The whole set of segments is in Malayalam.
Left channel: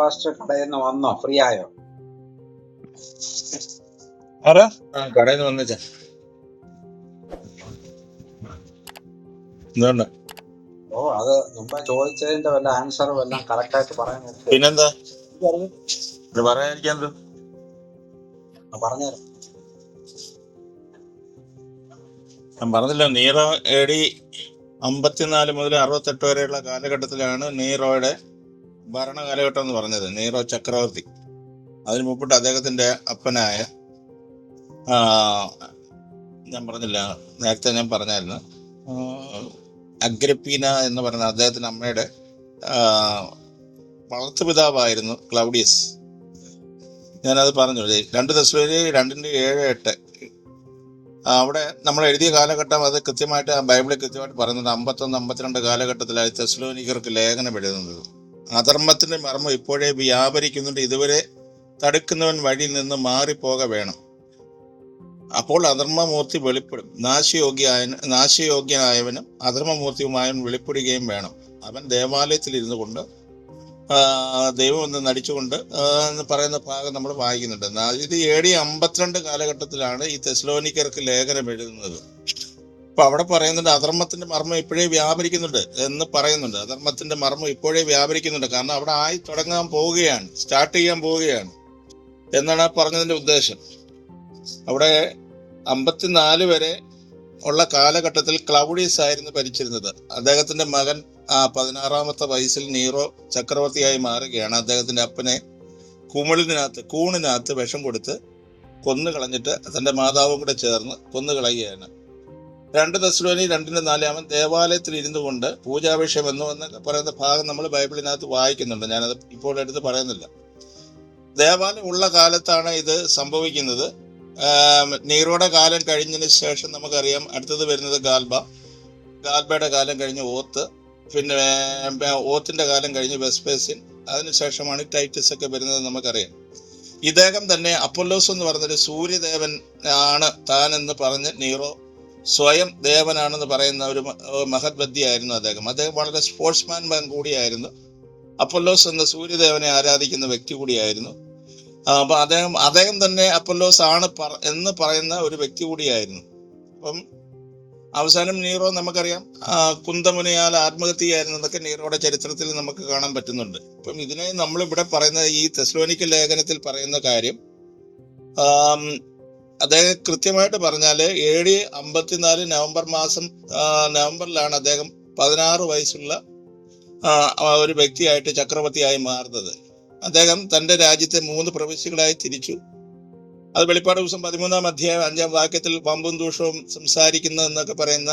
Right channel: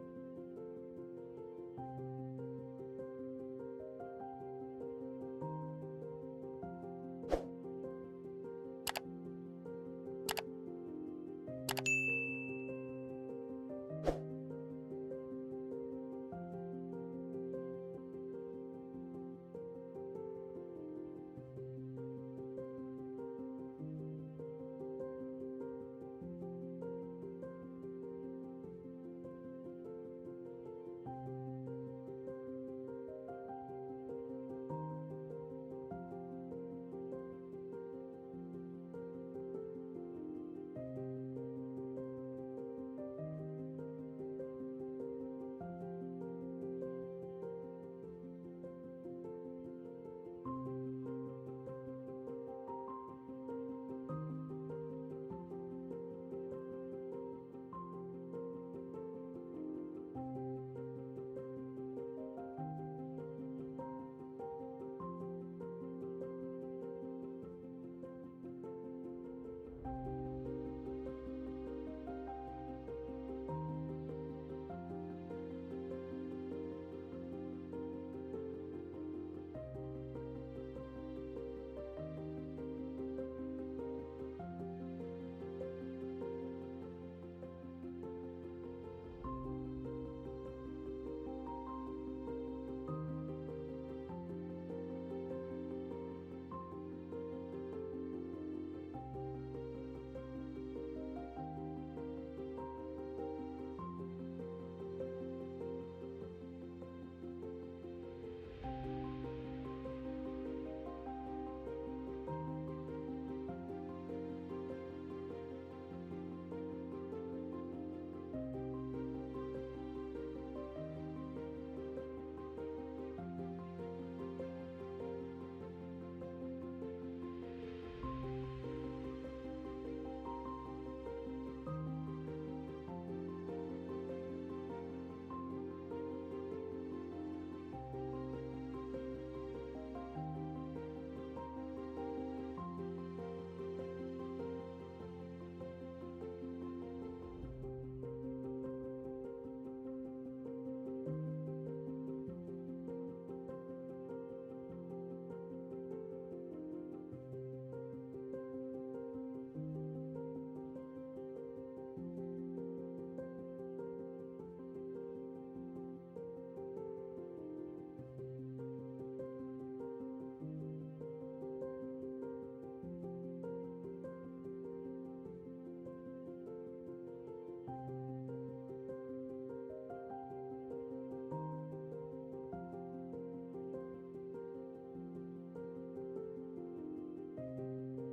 പാസ്റ്റർ കടയിൽ നിന്ന് വന്നോ? ഫ്രീ ആയോ? ആരാ? കടയിൽ നിന്ന് വന്നേച്ച. എന്തുകൊണ്ട് ഓ അത് മുമ്പ് ചോദിച്ചതിന്റെ വല്ല ആൻസറും എല്ലാം കറക്റ്റ് ആയിട്ട് പറയാൻ പിന്നെന്താ? ഇത് പറയാനിരിക്കാൻ പറഞ്ഞുതരാം ഞാൻ പറഞ്ഞില്ല നീറോ എ ഡി അമ്പത്തിനാല് മുതൽ അറുപത്തെട്ട് വരെയുള്ള കാലഘട്ടത്തിലാണ് നീറോയുടെ ഭരണ കാലഘട്ടം എന്ന് പറഞ്ഞത് നീറോ ചക്രവർത്തി. അതിന് മുമ്പിട്ട് അദ്ദേഹത്തിന്റെ അപ്പനായ ഞാൻ പറഞ്ഞില്ല നേരത്തെ ഞാൻ പറഞ്ഞായിരുന്നു അഗ്രപ്പീന എന്ന് പറയുന്ന അദ്ദേഹത്തിന്റെ അമ്മയുടെ വളർത്തുപിതാവായിരുന്നു ക്ലൗഡിയസ്. ഞാനത് പറഞ്ഞു രണ്ട് ദശലി രണ്ടിന്റെ ഏഴ് എട്ട്. അവിടെ നമ്മൾ എഴുതിയ കാലഘട്ടം അത് കൃത്യമായിട്ട് ബൈബിളിൽ കൃത്യമായിട്ട് പറയുന്നത് അമ്പത്തൊന്ന് അമ്പത്തിരണ്ട് കാലഘട്ടത്തിലായി തെസ്ലോനിക്കർക്ക് ലേഖനം എഴുതുന്നത്. അധർമ്മത്തിന്റെ മർമ്മം ഇപ്പോഴേ വ്യാപരിക്കുന്നുണ്ട്. ഇതുവരെ തടുക്കുന്നവൻ വഴി നിന്ന് മാറിപ്പോക വേണം. അപ്പോൾ അധർമ്മമൂർത്തി വെളിപ്പെടും. നാശയോഗ്യായ നാശയോഗ്യനായവനും അധർമ്മമൂർത്തിയുമായവൻ വെളിപ്പെടുകയും വേണം. അവൻ ദേവാലയത്തിൽ ഇരുന്നു കൊണ്ട് ദൈവം എന്ന് നടിച്ചുകൊണ്ട് എന്ന് പറയുന്ന ഭാഗം നമ്മൾ വായിക്കുന്നുണ്ട്. ഇത് എ അമ്പത്തിരണ്ട് കാലഘട്ടത്തിലാണ് ഈ തെസ്ലോനിക്കർക്ക് ലേഖനം എഴുതുന്നത്. അപ്പൊ അവിടെ പറയുന്നുണ്ട് അധർമ്മത്തിന്റെ മർമ്മം ഇപ്പോഴേ വ്യാപരിക്കുന്നുണ്ട് എന്ന് പറയുന്നുണ്ട്. അധർമ്മത്തിന്റെ മർമ്മം ഇപ്പോഴേ വ്യാപരിക്കുന്നുണ്ട്. കാരണം അവിടെ ആയി തുടങ്ങാൻ പോവുകയാണ് സ്റ്റാർട്ട് ചെയ്യാൻ പോവുകയാണ് എന്നാണ് ആ പറഞ്ഞതിന്റെ ഉദ്ദേശം. അവിടെ അമ്പത്തിനാല് വരെ ഉള്ള കാലഘട്ടത്തിൽ ക്ലൗഡിയസ് ആയിരുന്നു ഭരിച്ചിരുന്നത്. അദ്ദേഹത്തിന്റെ മകൻ ആ പതിനാറാമത്തെ വയസ്സിൽ നീറോ ചക്രവർത്തിയായി മാറുകയാണ്. അദ്ദേഹത്തിന്റെ അപ്പനെ കുമിളിനകത്ത് കൂണിനകത്ത് വിഷം കൊടുത്ത് കൊന്നു കളഞ്ഞിട്ട് തന്റെ മാതാവും കൂടെ ചേർന്ന് കൊന്നു കളയുകയാണ് രണ്ട് ദസ്ലോനി രണ്ടിന്റെ നാലാമൻ ദേവാലയത്തിൽ ഇരുന്നു കൊണ്ട് പൂജാഭിഷേകം എന്ന് പറയുന്ന ഭാഗം നമ്മൾ ബൈബിളിനകത്ത് വായിക്കുന്നുണ്ട്. ഞാനത് ഇപ്പോൾ എടുത്ത് പറയുന്നില്ല. ദേവാലയം ഉള്ള കാലത്താണ് ഇത് സംഭവിക്കുന്നത്. നീറോടെ കാലം കഴിഞ്ഞതിന് ശേഷം നമുക്കറിയാം അടുത്തത് വരുന്നത് ഗാൽബ. ഗാൽബയുടെ കാലം കഴിഞ്ഞ് ഓത്ത്. പിന്നെ ഓത്തിന്റെ കാലം കഴിഞ്ഞ് വെസ്പേസിൻ. അതിനുശേഷമാണ് ടൈറ്റസ് ഒക്കെ വരുന്നത് നമുക്കറിയാം. ഇദ്ദേഹം തന്നെ അപ്പൊല്ലോസ് എന്ന് പറഞ്ഞൊരു സൂര്യദേവൻ ആണ് താൻ എന്ന് പറഞ്ഞ് നീറോ സ്വയം ദേവനാണെന്ന് പറയുന്ന ഒരു മഹത് വ്യക്തിയായിരുന്നു അദ്ദേഹം. അദ്ദേഹം വളരെ സ്പോർട്സ്മാൻ മാൻ കൂടിയായിരുന്നു. അപ്പൊല്ലോസ് എന്ന സൂര്യദേവനെ ആരാധിക്കുന്ന വ്യക്തി കൂടിയായിരുന്നു. അപ്പൊ അദ്ദേഹം അദ്ദേഹം തന്നെ അപ്പൊല്ലോസ് ആണ് എന്ന് പറയുന്ന ഒരു വ്യക്തി കൂടിയായിരുന്നു. അപ്പം അവസാനം നീറോ നമുക്കറിയാം കുന്തമുനയാൽ ആത്മഹത്യയായിരുന്നു എന്നൊക്കെ നീറോയുടെ ചരിത്രത്തിൽ നമുക്ക് കാണാൻ പറ്റുന്നുണ്ട്. അപ്പം ഇതിനെ നമ്മളിവിടെ പറയുന്ന ഈ തെസ്ലോനിക്കൽ ലേഖനത്തിൽ പറയുന്ന കാര്യം അദ്ദേഹം കൃത്യമായിട്ട് പറഞ്ഞാൽ എ ഡി അമ്പത്തിനാല് നവംബർ മാസം നവംബറിലാണ് അദ്ദേഹം പതിനാറ് വയസ്സുള്ള ഒരു വ്യക്തിയായിട്ട് ചക്രവർത്തിയായി മാറുന്നത്. അദ്ദേഹം തന്റെ രാജ്യത്തെ മൂന്ന് പ്രവിശ്യകളായി തിരിച്ചു. അത് വെളിപ്പാട് ദിവസം പതിമൂന്നാം അധ്യായം അഞ്ചാം വാക്യത്തിൽ പമ്പും ദൂഷവും സംസാരിക്കുന്ന എന്നൊക്കെ പറയുന്ന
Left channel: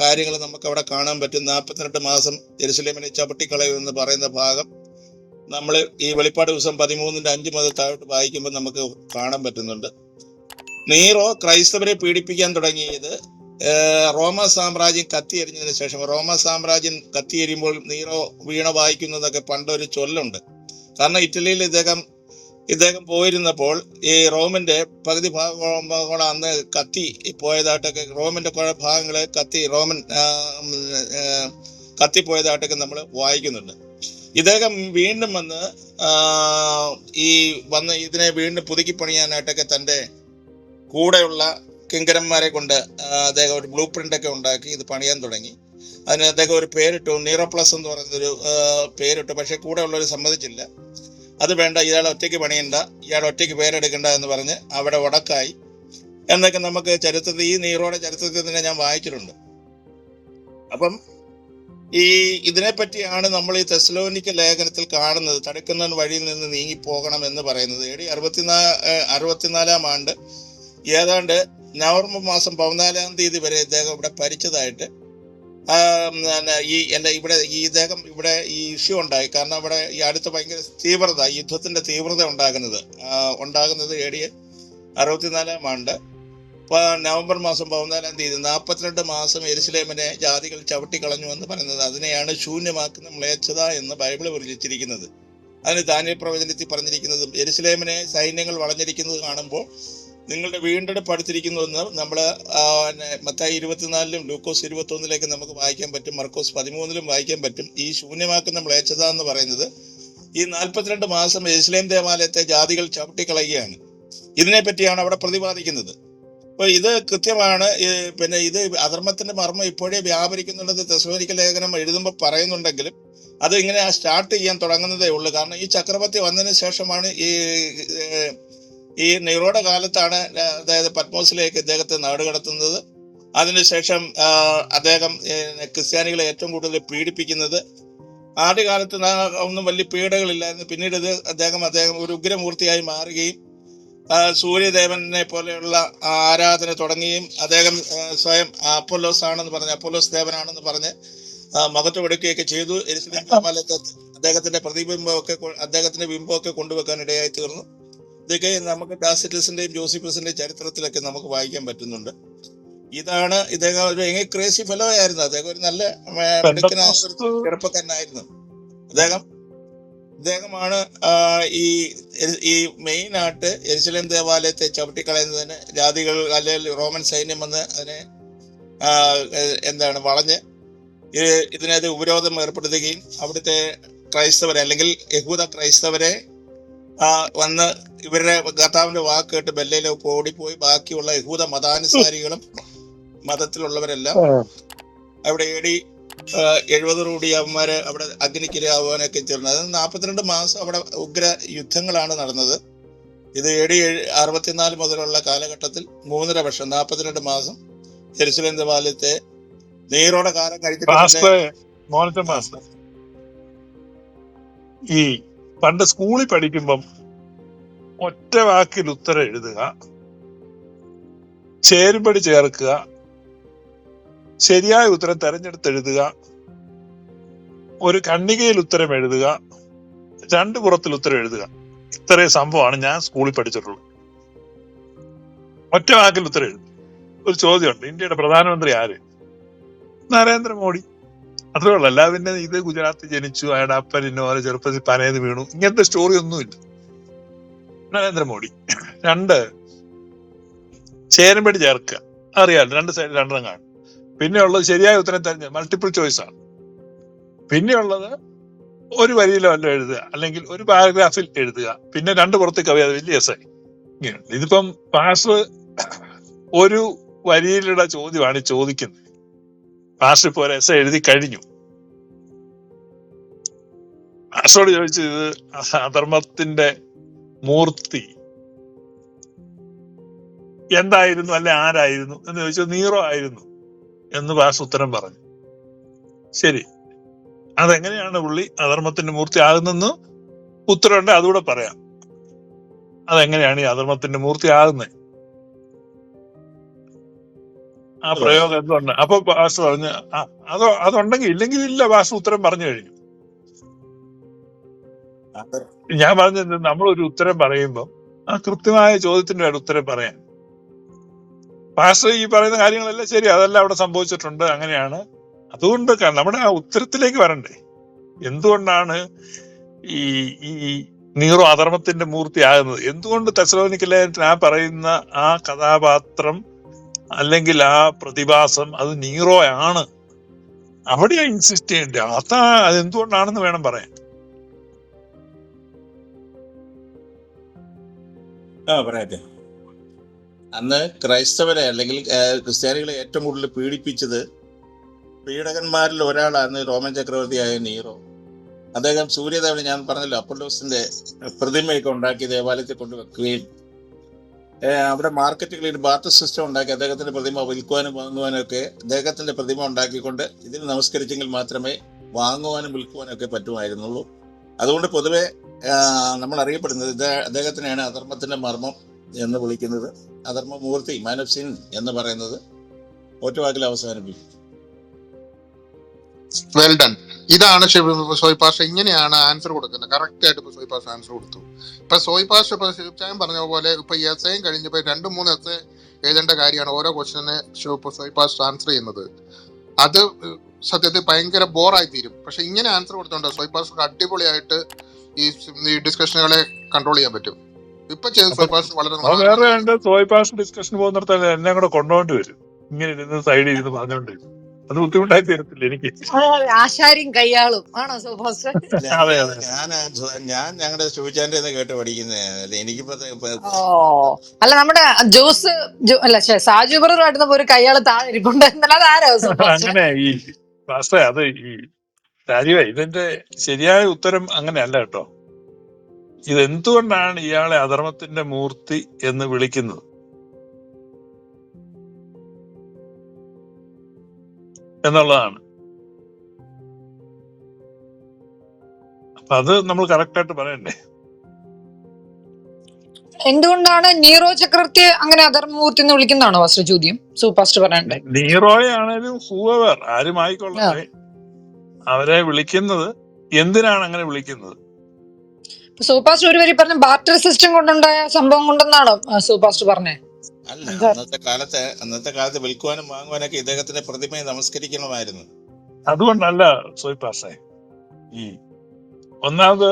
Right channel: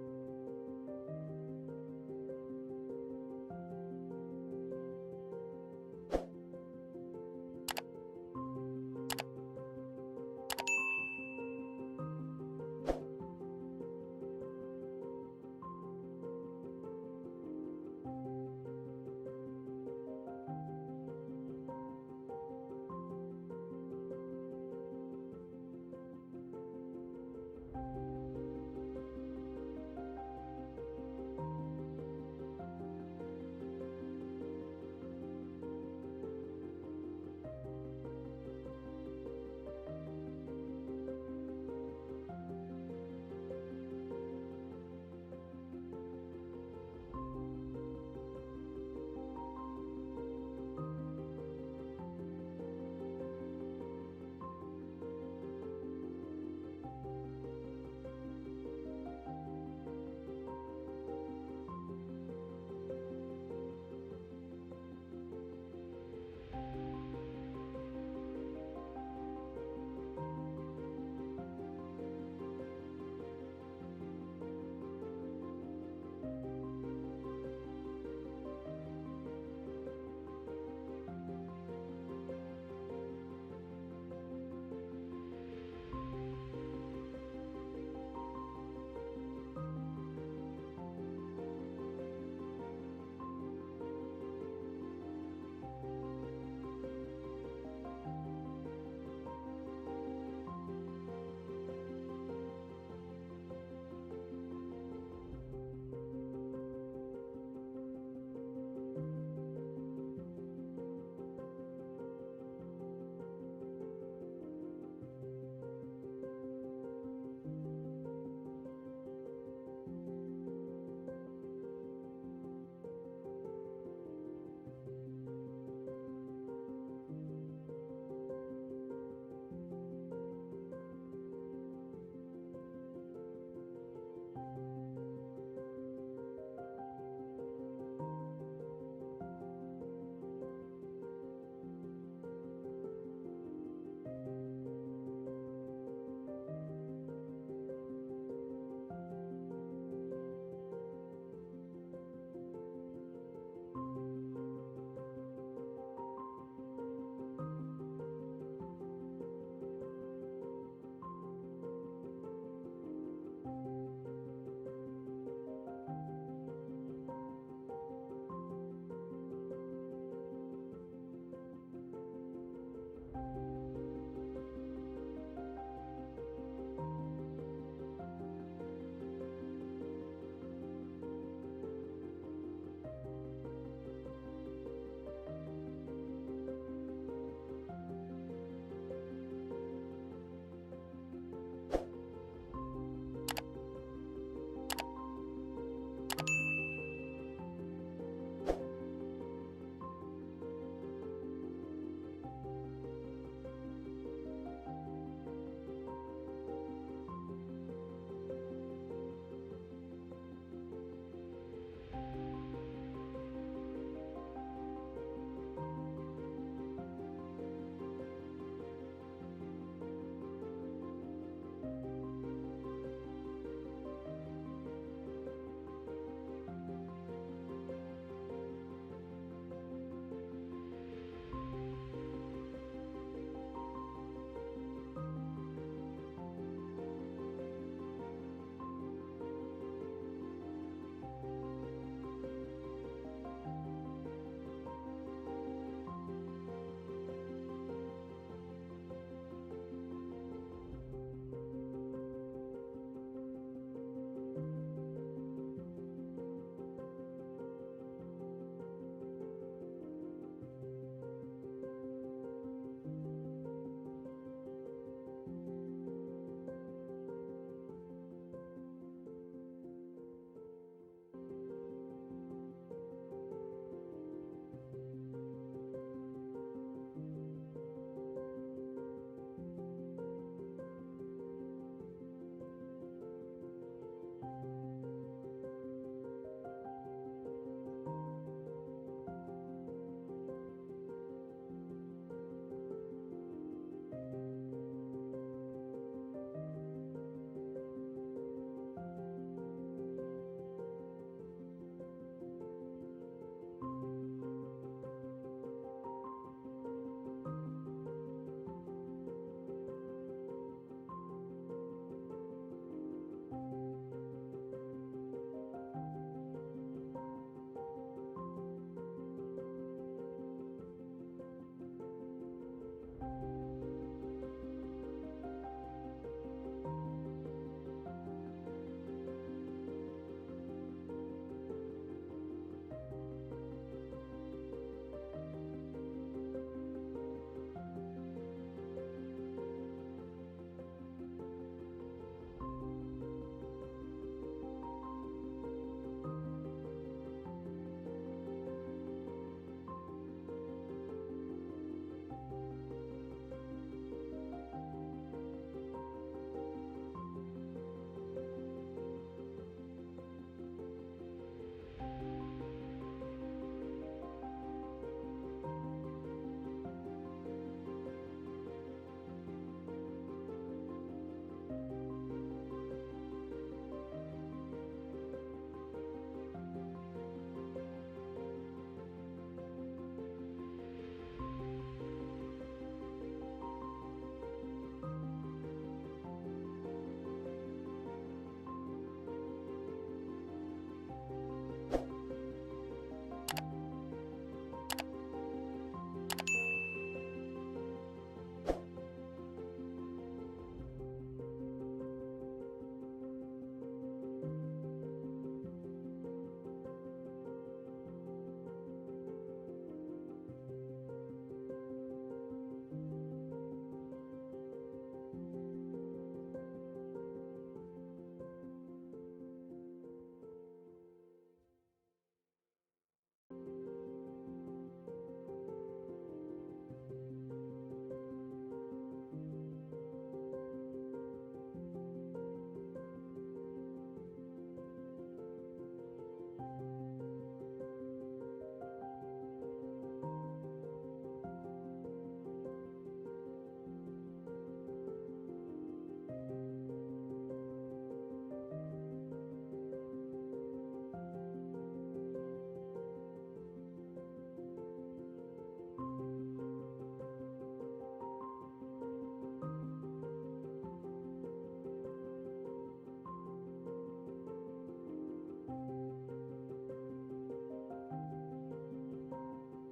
കാര്യങ്ങൾ നമുക്ക് അവിടെ കാണാൻ പറ്റും. നാൽപ്പത്തിരണ്ട് മാസം ജെറുസലേമിനെ ചവിട്ടിക്കളയും എന്ന് പറയുന്ന ഭാഗം നമ്മൾ ഈ വെളിപ്പാട് ദിവസം പതിമൂന്നിന്റെ അഞ്ച് മുതൽ താഴോട്ട് വായിക്കുമ്പോൾ നമുക്ക് കാണാൻ പറ്റുന്നുണ്ട്. നീറോ ക്രൈസ്തവരെ പീഡിപ്പിക്കാൻ തുടങ്ങിയത് റോമ സാമ്രാജ്യം കത്തിയെരിഞ്ഞതിന് ശേഷം. റോമ സാമ്രാജ്യം കത്തിയെരിയുമ്പോൾ നീറോ വീണ വായിക്കുന്നതൊക്കെ പണ്ടൊരു ചൊല്ലുണ്ട്. കാരണം ഇറ്റലിയിൽ ഇദ്ദേഹം ഇദ്ദേഹം പോയിരുന്നപ്പോൾ ഈ റോമിന്റെ പകുതി ഭാഗം അന്ന് കത്തി പോയതായിട്ടൊക്കെ റോമിന്റെ കുറെ ഭാഗങ്ങളെ കത്തി റോമൻ കത്തി പോയതായിട്ടൊക്കെ നമ്മൾ വായിക്കുന്നുണ്ട്. ഇദ്ദേഹം വീണ്ടും വന്ന് ഈ വന്ന് ഇതിനെ വീണ്ടും പുതുക്കി പണിയാനായിട്ടൊക്കെ തന്റെ കൂടെയുള്ള കിങ്കരന്മാരെ കൊണ്ട് അദ്ദേഹം ഒരു ബ്ലൂ പ്രിന്റ് ഒക്കെ ഉണ്ടാക്കി ഇത് പണിയാൻ തുടങ്ങി. അതിന് അദ്ദേഹം ഒരു പേരിട്ടു നീറോ പ്ലസ് എന്ന് പറയുന്നൊരു പേരിട്ടു. പക്ഷെ കൂടെ ഉള്ളവർ സമ്മതിച്ചില്ല. അത് വേണ്ട ഇയാൾ ഒറ്റയ്ക്ക് പണിയണ്ട ഇയാൾ ഒറ്റയ്ക്ക് പേരെടുക്കണ്ട എന്ന് പറഞ്ഞ് അവിടെ ഉടക്കായി എന്നൊക്കെ നമുക്ക് ചരിത്രത്തിൽ ഈ നീറോയുടെ ചരിത്രത്തിൽ തന്നെ ഞാൻ വായിച്ചിട്ടുണ്ട്. അപ്പം ഈ ഇതിനെപ്പറ്റിയാണ് നമ്മൾ ഈ തെസ്ലോനിക്ക ലേഖനത്തിൽ കാണുന്നത്. തടുക്കുന്ന വഴിയിൽ നിന്ന് നീങ്ങി പോകണം എന്ന് പറയുന്നത്. എ ഡി അറുപത്തിനാ അറുപത്തിനാലാം ആണ്ട് ഏതാണ്ട് നവംബർ മാസം പതിനാലാം തീയതി വരെ ഇദ്ദേഹം ഇവിടെ ഭരിച്ചതായിട്ട് ഈ എന്റെ ഇവിടെ ഈ ഇദ്ദേഹം ഇവിടെ ഈ ഇഷ്യൂ ഉണ്ടായി. കാരണം ഇവിടെ ഈ അടുത്ത ഭയങ്കര തീവ്രത യുദ്ധത്തിന്റെ തീവ്രത ഉണ്ടാകുന്നത് ഉണ്ടാകുന്നത് എ ഡി അറുപത്തിനാലാം ആണ്ട്. നവംബർ മാസം പതിനാലാം തീയതി നാൽപ്പത്തിരണ്ട് മാസം എരുസലേമിനെ ജാതികൾ ചവിട്ടിക്കളഞ്ഞു എന്ന് പറയുന്നത് അതിനെയാണ് ശൂന്യമാക്കുന്ന മ്ലേച്ഛത എന്ന് ബൈബിൾ വിളിച്ചിരിക്കുന്നത് അതിന് ദാനിയൽ പ്രവചനത്തിൽ പറഞ്ഞിരിക്കുന്നതും എരുസലേമിനെ സൈന്യങ്ങൾ വളഞ്ഞിരിക്കുന്നത് കാണുമ്പോൾ നിങ്ങളുടെ വീണ്ടെടുപ്പ് അടുത്തിരിക്കുന്നു എന്ന് നമ്മൾ മത്തായി ഇരുപത്തിനാലിലും ലൂക്കോസ് ഇരുപത്തി ഒന്നിലേക്ക് നമുക്ക് വായിക്കാൻ പറ്റും മർക്കോസ് പതിമൂന്നിലും വായിക്കാൻ പറ്റും. ഈ ശൂന്യമാക്കുന്ന മ്ലേച്ഛത എന്ന് പറയുന്നത് ഈ നാൽപ്പത്തിരണ്ട് മാസം ഇസ്ലേം ദേവാലയത്തെ ജാതികൾ ചവിട്ടിക്കളയുകയാണ്. ഇതിനെ പറ്റിയാണ് അവിടെ പ്രതിപാദിക്കുന്നത്. അപ്പൊ ഇത് കൃത്യമാണ് പിന്നെ ഇത് അധർമ്മത്തിന്റെ മർമ്മം ഇപ്പോഴേ വ്യാപരിക്കുന്നുള്ളത് തെസോരിക്ക ലേഖനം എഴുതുമ്പോൾ പറയുന്നുണ്ടെങ്കിലും അത് ഇങ്ങനെ സ്റ്റാർട്ട് ചെയ്യാൻ തുടങ്ങുന്നതേ ഉള്ളൂ. കാരണം ഈ ചക്രവർത്തി വന്നതിന് ശേഷമാണ് ഈ ഈ നെഹ്റുടെ കാലത്താണ് അതായത് പത്മോസിലേക്ക് ഇദ്ദേഹത്തെ നാടുകടത്തുന്നത്. അതിനുശേഷം അദ്ദേഹം ക്രിസ്ത്യാനികളെ ഏറ്റവും കൂടുതൽ പീഡിപ്പിക്കുന്നത്. ആദ്യകാലത്ത് ഒന്നും വലിയ പീഡകളില്ലായിരുന്നു. പിന്നീട് ഇത് അദ്ദേഹം അദ്ദേഹം ഒരു ഉഗ്രമൂർത്തിയായി മാറുകയും സൂര്യദേവനെ പോലെയുള്ള ആരാധന തുടങ്ങുകയും അദ്ദേഹം സ്വയം അപ്പോലോസ് ആണെന്ന് പറഞ്ഞ് അപ്പോലോസ് ദേവനാണെന്ന് പറഞ്ഞ് എടുക്കുകയൊക്കെ ചെയ്തു. എരുസലേം അദ്ദേഹത്തിന്റെ പ്രതിബിംബമൊക്കെ അദ്ദേഹത്തിന്റെ ബിംബമൊക്കെ കൊണ്ടുവെക്കാൻ ഇടയായി തീർന്നു. ഇതൊക്കെ നമുക്ക് ഡാസിറ്റസിന്റെയും ജോസിഫസിന്റെയും ചരിത്രത്തിലൊക്കെ നമുക്ക് വായിക്കാൻ പറ്റുന്നുണ്ട്. ഇതാണ് ഇദ്ദേഹം ഒരു ക്രേസി ഫെലോ ആയിരുന്നു. അദ്ദേഹം ഒരു നല്ല ചെറുപ്പക്കാരനായിരുന്നു. അദ്ദേഹം ഇദ്ദേഹമാണ് ഈ ഈ മെയിൻ ആയിട്ട് എരിശലം ദേവാലയത്തെ ചവിട്ടിക്കളയുന്നതിന് ജാതികൾ അല്ലെങ്കിൽ റോമൻ സൈന്യം വന്ന് അതിനെ എന്താണ് വളഞ്ഞ് ഇതിനെ ഉപരോധം ഏർപ്പെടുത്തുകയും അവിടുത്തെ ക്രൈസ്തവരെ അല്ലെങ്കിൽ യഹൂദ ക്രൈസ്തവരെ ആ, വന്ന് ഇവരുടെ കർത്താവിന്റെ വാക്ക് കേട്ട് ബെല്ലയിലെ ഓടിപ്പോയി. ബാക്കിയുള്ള യഹൂദ മതാനുസാരികളും മതത്തിലുള്ളവരെല്ലാം അവിടെ എടി റൂടി അവന്മാര് അവിടെ അഗ്നിക്കിരയാവാനൊക്കെ ചേർന്നത് അത് നാൽപ്പത്തിരണ്ട് മാസം അവിടെ ഉഗ്ര യുദ്ധങ്ങളാണ് നടന്നത്. ഇത് ഏടി അറുപത്തിനാല് മുതലുള്ള കാലഘട്ടത്തിൽ മൂന്നര വർഷം നാൽപ്പത്തിരണ്ട് മാസം ജെറുസലേം ദേവാലയത്തെ നീറോടെ കാലം കഴിച്ചിട്ട് ഈ പണ്ട് സ്കൂളിൽ പഠിക്കുമ്പം ഒറ്റ വാക്കിൽ ഉത്തരം എഴുതുക ചേരുംപടി ചേർക്കുക ശരിയായ ഉത്തരം തെരഞ്ഞെടുത്ത് എഴുതുക ഒരു കണ്ണികയിൽ ഉത്തരം എഴുതുക രണ്ട് പുറത്തിൽ ഉത്തരം എഴുതുക. ഇത്രയും സംഭവമാണ് ഞാൻ സ്കൂളിൽ പഠിച്ചിട്ടുള്ളത്. ഒറ്റ വാക്കിൽ ഉത്തരം എഴുതും ഒരു ചോദ്യമുണ്ട്. ഇന്ത്യയുടെ പ്രധാനമന്ത്രി ആര്? നരേന്ദ്രമോദി. അത്രേ ഉള്ളൂ അല്ലാതെ പിന്നെ ഇത് ഗുജറാത്തിൽ ജനിച്ചു അയാളുടെ അപ്പൻ ഇന്നോലെ ചെറുപ്പത്തിൽ പനയത് വീണു. ഇങ്ങനത്തെ സ്റ്റോറി ഒന്നുമില്ല. നരേന്ദ്രമോദി. രണ്ട് ചേരമ്പടി ചേർക്കുക അറിയാലോ രണ്ട് സൈഡ് രണ്ടെണ്ണം കാണും പിന്നെ ഉള്ളത് ശരിയായ ഉത്തരം തെരഞ്ഞ മൾട്ടിപ്പിൾ ചോയ്സ് ആണ്. പിന്നെ ഉള്ളത് ഒരു വരിയിലോ അല്ല എഴുതുക അല്ലെങ്കിൽ ഒരു പാരഗ്രാഫിൽ എഴുതുക. പിന്നെ രണ്ട് പുറത്ത് കവി അത് വലിയ എസ് ഇതിപ്പം പാസ് ഒരു വരിയിലുള്ള ചോദ്യമാണ് ചോദിക്കുന്നത്. മാസ്റ്റർ ഇപ്പോൾ എസ് എഴുതി കഴിഞ്ഞു. മാസ്റ്ററോട് ചോദിച്ചു ഇത് അധർമ്മത്തിന്റെ മൂർത്തി. എന്തായിരുന്നു അല്ലെ ആരായിരുന്നു എന്ന് ചോദിച്ചു നീറോ ആയിരുന്നു എന്ന് പാസ് ഉത്തരം പറഞ്ഞു. ശരി. അതെങ്ങനെയാണ് പുള്ളി അധർമ്മത്തിന്റെ മൂർത്തി ആകുന്നെന്ന് ഉത്തരമുണ്ട് അതുകൂടെ പറയാം. അതെങ്ങനെയാണ് ഈ അധർമ്മത്തിന്റെ മൂർത്തി ആകുന്നത്? ആ പ്രയോഗം എന്തുണ്ട്? അപ്പൊ വാസു പറഞ്ഞു അതോ അതുണ്ടെങ്കിൽ ഇല്ലെങ്കിൽ ഇല്ല വാസു ഉത്തരം പറഞ്ഞു കഴിഞ്ഞു. ഞാൻ പറഞ്ഞത് നമ്മളൊരു ഉത്തരം പറയുമ്പോൾ ആ കൃത്യമായ ചോദ്യത്തിന്റെ ഒരു ഉത്തരം പറയാൻ. പാസ്റ്റർ ഈ പറയുന്ന കാര്യങ്ങളെല്ലാം ശരി അതെല്ലാം അവിടെ സംഭവിച്ചിട്ടുണ്ട് അങ്ങനെയാണ്. അതുകൊണ്ട് നമ്മുടെ ആ ഉത്തരത്തിലേക്ക് വരണ്ടേ. എന്തുകൊണ്ടാണ് ഈ ഈ നീറോ അധർമ്മത്തിന്റെ മൂർത്തിയാകുന്നത്? എന്തുകൊണ്ട് തെസലോനിക്കലായിട്ട് ആ പറയുന്ന ആ കഥാപാത്രം അല്ലെങ്കിൽ ആ പ്രതിഭാസം അത് നീറോ ആണ്. അവിടെയാ ഇൻസിസ്റ്റ് ചെയ്യേണ്ടത് അതാ അത് അതെന്തുകൊണ്ടാണെന്ന് വേണം പറയാൻ. ആ അന്ന് ക്രൈസ്തവരെ അല്ലെങ്കിൽ ക്രിസ്ത്യാനികളെ ഏറ്റവും കൂടുതൽ പീഡിപ്പിച്ചത് പീഡകന്മാരിൽ ഒരാളാണ് റോമൻ ചക്രവർത്തിയായ നീറോ അദ്ദേഹം സൂര്യദേവനെ ഞാൻ പറഞ്ഞല്ലോ അപ്പോളോസിന്റെ പ്രതിമയൊക്കെ ഉണ്ടാക്കി ദേവാലയത്തിൽ കൊണ്ടുവെക്കുകയും അവിടെ മാർക്കറ്റുകളിൽ ബാർട്ടർ സിസ്റ്റം ഉണ്ടാക്കി അദ്ദേഹത്തിന്റെ പ്രതിമ വിൽക്കുവാനും വാങ്ങുവാനും ഒക്കെ അദ്ദേഹത്തിന്റെ പ്രതിമ ഉണ്ടാക്കിക്കൊണ്ട് ഇതിന് നമസ്കരിച്ചെങ്കിൽ മാത്രമേ വാങ്ങുവാനും വിൽക്കുവാനും ഒക്കെ പറ്റുമായിരുന്നുള്ളൂ. അതുകൊണ്ട് പൊതുവെ നമ്മൾ അറിയപ്പെടുന്നത് അദ്ദേഹത്തിനെയാണ് അധർമ്മത്തിന്റെ മർമ്മം എന്ന് വിളിക്കുന്നത്. അധർമ്മമൂർത്തി മാൻ ഓഫ് സിൻ എന്ന് പറയുന്നത്. ഒറ്റവാക്കിൽ അവസാനിപ്പിക്കും. വെൽ ഡൺ ഇതാണ് സോയ് പാഷ ഇങ്ങനെയാണ് ആൻസർ കൊടുക്കുന്നത്. കറക്റ്റ് ആയിട്ട് ഇപ്പൊ സോയ് പാഷ ആൻസർ കൊടുത്തു. ഇപ്പൊ സോയ് പാഷ ഇപ്പൊ ശിവചായം പറഞ്ഞ പോലെ ഇപ്പൊ ഈ എസ് എയും കഴിഞ്ഞപ്പോ രണ്ട് മൂന്ന് എസ് എഴുതേണ്ട കാര്യമാണ് ഓരോ ക്വസ്റ്റിനെ സോയ് പാഷ ആൻസർ ചെയ്യുന്നത്. അത് സത്യത്തിൽ ഭയങ്കര ബോറായി തീരും പക്ഷെ ഇങ്ങനെ ആൻസർ കൊടുത്തോണ്ട് സോയ് പാഷ അടിപൊളിയായിട്ട് ഈ ഡിസ്കഷനുകളെ കൺട്രോൾ ചെയ്യാൻ പറ്റും. ഇപ്പൊ ചെയ്ത സോയ് പാഷ വളരെ വേറെ സോയ് പാസ് ഡിസ്കഷൻ പോകുന്നിടത്ത് എന്നെ കൂടെ കൊണ്ടുപോകേണ്ടി വരും. ഇങ്ങനെ ഇരുന്ന് സൈഡിൽ ഇരുന്ന് പറഞ്ഞോണ്ട്. അത് ബുദ്ധിമുട്ടായി തീരത്തില്ല എനിക്ക്. ആശാരിയും കയ്യാളും. ആണോ സുഭാഷ് അതെ അതെ. ഞാൻ ഞാൻ ഞങ്ങളുടെ ശിവചാന്റെ കേട്ട് പഠിക്കുന്നത് എനിക്കിപ്പോ ഓ അല്ല നമ്മുടെ ജോസ് ജോ- അല്ല ശ്ശെ, സാജു പറഞ്ഞ ആയിരുന്നപ്പോ ഒരു കയ്യാൾ താഴെ ഇരിപ്പുണ്ട്. എന്നല്ല അതാരോ സുഭാഷ് അങ്ങനെ ഈ പാസ്റ്റേ അത് ഈ രാജീവ ഇതിന്റെ ശരിയായ ഉത്തരം അങ്ങനെയല്ല കേട്ടോ. ഇത് എന്തുകൊണ്ടാണ് ഇയാളെ അധർമ്മത്തിന്റെ മൂർത്തി എന്ന് വിളിക്കുന്നത്? എന്നുള്ളതാണ്. അപ്പൊ അത് നമ്മൾ കറക്റ്റ് ആയിട്ട് പറയണ്ടേ? എന്തുകൊണ്ടാണ് നീറോ ചക്രവർത്തി അങ്ങനെ അധർമ്മൂർത്തി എന്ന് വിളിക്കുന്നതാണോ ഫസ്റ്റ് ചോദ്യം? പറയണ്ടേ. നീറോയാണേലും ഹൂവർ ആരും ആയിക്കൊള്ളട്ടെ അവരെ വിളിക്കുന്നത് എന്തിനാണ് അങ്ങനെ വിളിക്കുന്നത്? സൂപ്പാസ്റ്റ് ഒരു വരി പറഞ്ഞ ബാർട്ടർ സിസ്റ്റം കൊണ്ടുണ്ടായ സംഭവം കൊണ്ടെന്നാണോ സൂപ്പാസ്റ്റ് പറഞ്ഞേ? അല്ല അന്നത്തെ കാലത്ത് അന്നത്തെ കാലത്ത് വിൽക്കുവാനും വാങ്ങുവാനൊക്കെ ഇദ്ദേഹത്തിന്റെ പ്രതിമയെ നമസ്കരിക്കണമായിരുന്നു. അതുകൊണ്ടല്ല സോയിപ്പാസേ ഈ ഒന്നാമത്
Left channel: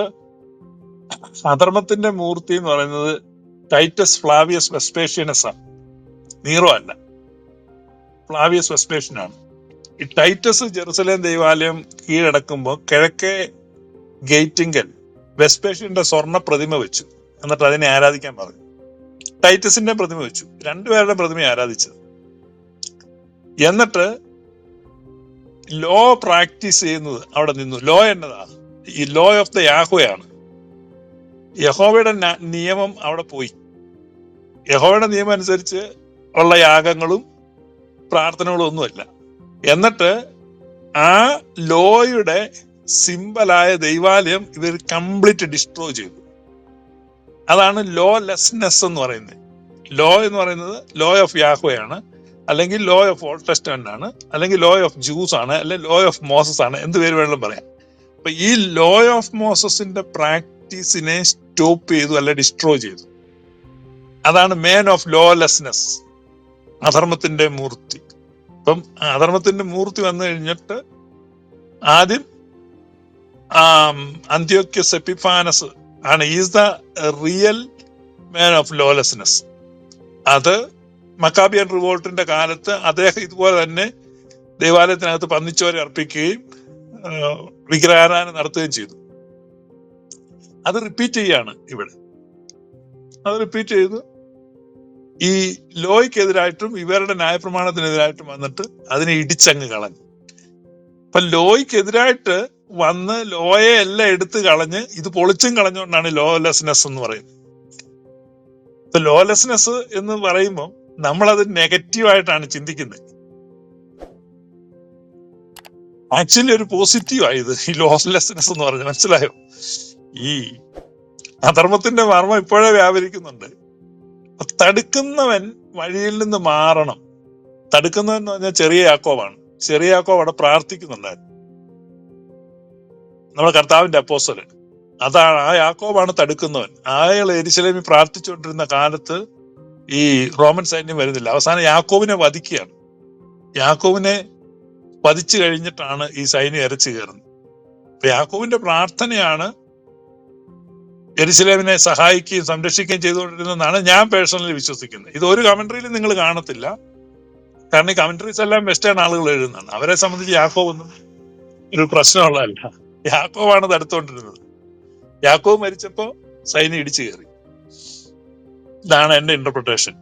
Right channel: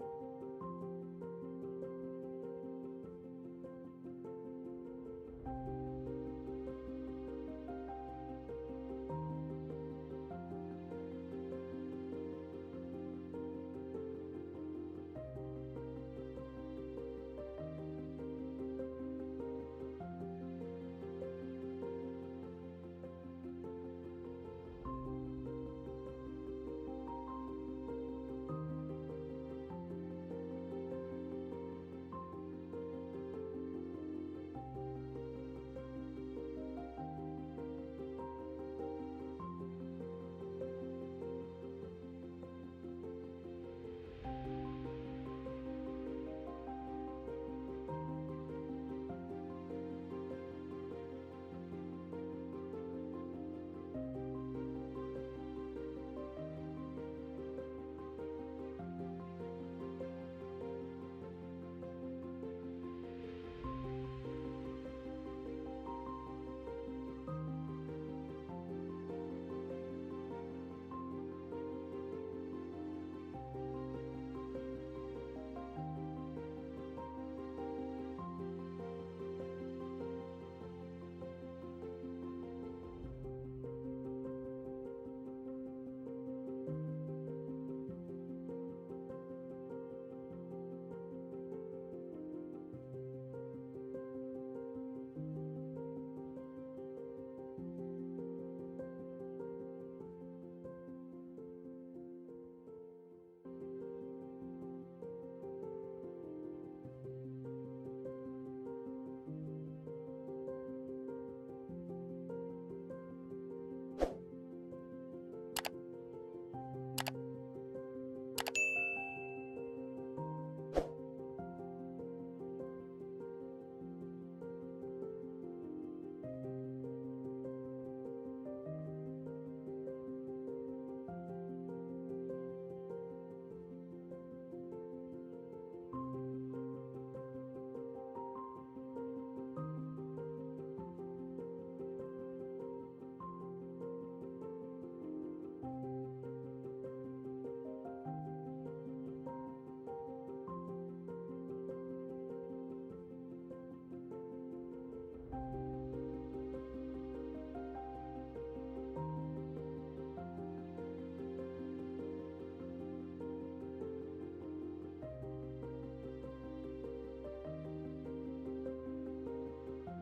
അധർമ്മത്തിന്റെ മൂർത്തി എന്ന് പറയുന്നത് ടൈറ്റസ് ഫ്ലാവിയസ് വെസ്പേഷ്യനസ്. ആണ് നീറോ അല്ല. ഫ്ലാവിയസ് വെസ്പേഷ്യൻ ആണ് ഈ ടൈറ്റസ് ജെറുസലേം ദേവാലയം കീഴടക്കുമ്പോൾ കിഴക്കേ ഗേറ്റിങ്കൽ വെസ്പേഷ്യന്റെ സ്വർണ പ്രതിമ വെച്ചു. എന്നിട്ട് അതിനെ ആരാധിക്കാൻ പറഞ്ഞു. ടൈറ്റസിന്റെ പ്രതിമ വെച്ചു. രണ്ടുപേരുടെ പ്രതിമ ആരാധിച്ചത് എന്നിട്ട് ലോ പ്രാക്ടീസ് ചെയ്യുന്നത് അവിടെ നിന്നു. ലോ എന്നതാണ് ഈ ലോ ഓഫ് ദ യാഹോയാണ്. യഹോവയുടെ നിയമം അവിടെ പോയി. യഹോവയുടെ നിയമം അനുസരിച്ച് ഉള്ള യാഗങ്ങളും പ്രാർത്ഥനകളും ഒന്നുമല്ല എന്നിട്ട് ആ ലോയുടെ സിമ്പലായ ദൈവാലയം ഇവർ കംപ്ലീറ്റ് ഡിസ്ട്രോയ് ചെയ്തു. അതാണ് ലോ ലെസ്നെസ് എന്ന് പറയുന്നത്. ലോ എന്ന് പറയുന്നത് ലോ ഓഫ് യാഹോയാണ് അല്ലെങ്കിൽ ലോ ഓഫ് ഓൾഡ് ആണ്. അല്ലെങ്കിൽ ലോ ഓഫ് ജൂസ് ആണ്. അല്ലെങ്കിൽ ലോ ഓഫ് മോസസ് ആണ്. എന്ത് പേര് വേണമെങ്കിലും പറയാം. അപ്പൊ ഈ ലോ ഓഫ് മോസസിന്റെ പ്രാക്ടീസിനെ സ്റ്റോപ്പ് ചെയ്തു അല്ലെ ഡിസ്ട്രോയ് ചെയ്തു. അതാണ് മേൻ ഓഫ് ലോ ലോലെസ്നെസ് അധർമ്മത്തിന്റെ മൂർത്തി. അപ്പം അധർമ്മത്തിന്റെ മൂർത്തി വന്നു കഴിഞ്ഞിട്ട് ആദ്യം അന്ത്യോക്യ എപ്പിഫാനസ് ആണ്. Is the real man of lawlessness അത് മക്കാബിയൻ റിവോൾട്ടിന്റെ കാലത്ത് അദ്ദേഹം ഇതുപോലെ തന്നെ ദേവാലയത്തിനകത്ത് പന്നിച്ചോരെ അർപ്പിക്കുകയും വിഗ്രഹാരാധന നടത്തുകയും ചെയ്തു. അത് റിപ്പീറ്റ് ചെയ്യാണ് ഇവിടെ. അത് റിപ്പീറ്റ് ചെയ്തു. ഈ ലോയ്ക്കെതിരായിട്ടും ഇവരുടെ ന്യായപ്രമാണത്തിനെതിരായിട്ടും വന്നിട്ട് അതിനെ ഇടിച്ചങ്ങ് കളഞ്ഞു. അപ്പൊ ലോയ്ക്കെതിരായിട്ട് വന്ന് ലോയെ എല്ലാം എടുത്തു കളഞ്ഞ് ഇത് പൊളിച്ചും കളഞ്ഞുകൊണ്ടാണ് ലോലെസ്നെസ് എന്ന് പറയുന്നത്. ലോലെസ്നെസ് എന്ന് പറയുമ്പോൾ നമ്മളത് നെഗറ്റീവായിട്ടാണ് ചിന്തിക്കുന്നത്. ആക്ച്വലി ഒരു പോസിറ്റീവ് ആയത് ഈ ലോസ്ലെസ്നെസ് എന്ന് പറഞ്ഞു മനസ്സിലായോ? ഈ അധർമ്മത്തിന്റെ മർമ്മം ഇപ്പോഴേ വ്യാപരിക്കുന്നുണ്ട്. തടുക്കുന്നവൻ വഴിയിൽ നിന്ന് മാറണം. തടുക്കുന്നവൻ എന്ന് പറഞ്ഞാൽ ചെറിയ യാക്കോവാണ് ചെറിയ യാക്കോവ് അവിടെ പ്രാർത്ഥിക്കുന്നുണ്ടായിരുന്നു. നമ്മുടെ കർത്താവിന്റെ അപ്പോസൽ അതാണ് ആ യാക്കോബാണ് തടുക്കുന്നവൻ. അയാൾ എരിശിലേമി പ്രാർത്ഥിച്ചുകൊണ്ടിരുന്ന കാലത്ത് ഈ റോമൻ സൈന്യം വരുന്നില്ല. അവസാനം യാക്കോവിനെ വധിക്കുകയാണ്. യാക്കോവിനെ വധിച്ചു കഴിഞ്ഞിട്ടാണ് ഈ സൈന്യം ഇരച്ചു കയറുന്നത്. അപ്പൊ യാക്കോവിന്റെ പ്രാർത്ഥനയാണ് എരിശിലേമിനെ സഹായിക്കുകയും സംരക്ഷിക്കുകയും ചെയ്തുകൊണ്ടിരുന്നതെന്നാണ് ഞാൻ പേഴ്സണലി വിശ്വസിക്കുന്നത്. ഇത് ഒരു കമന്ററിയിലും നിങ്ങൾ കാണത്തില്ല. കാരണം ഈ കമന്ററീസ് എല്ലാം വെസ്റ്റേൺ ആളുകൾ എഴുതുന്നതാണ്. അവരെ സംബന്ധിച്ച് യാക്കോവ് ഒന്നും ഒരു പ്രശ്നമുള്ളതല്ല. യാക്കോവാണ് തടുത്തോണ്ടിരുന്നത്. യാക്കോവ് മരിച്ചപ്പോ സൈന്യം ഇടിച്ചു കയറി. ഇതാണ് എന്റെ ഇന്റർപ്രിട്ടേഷൻ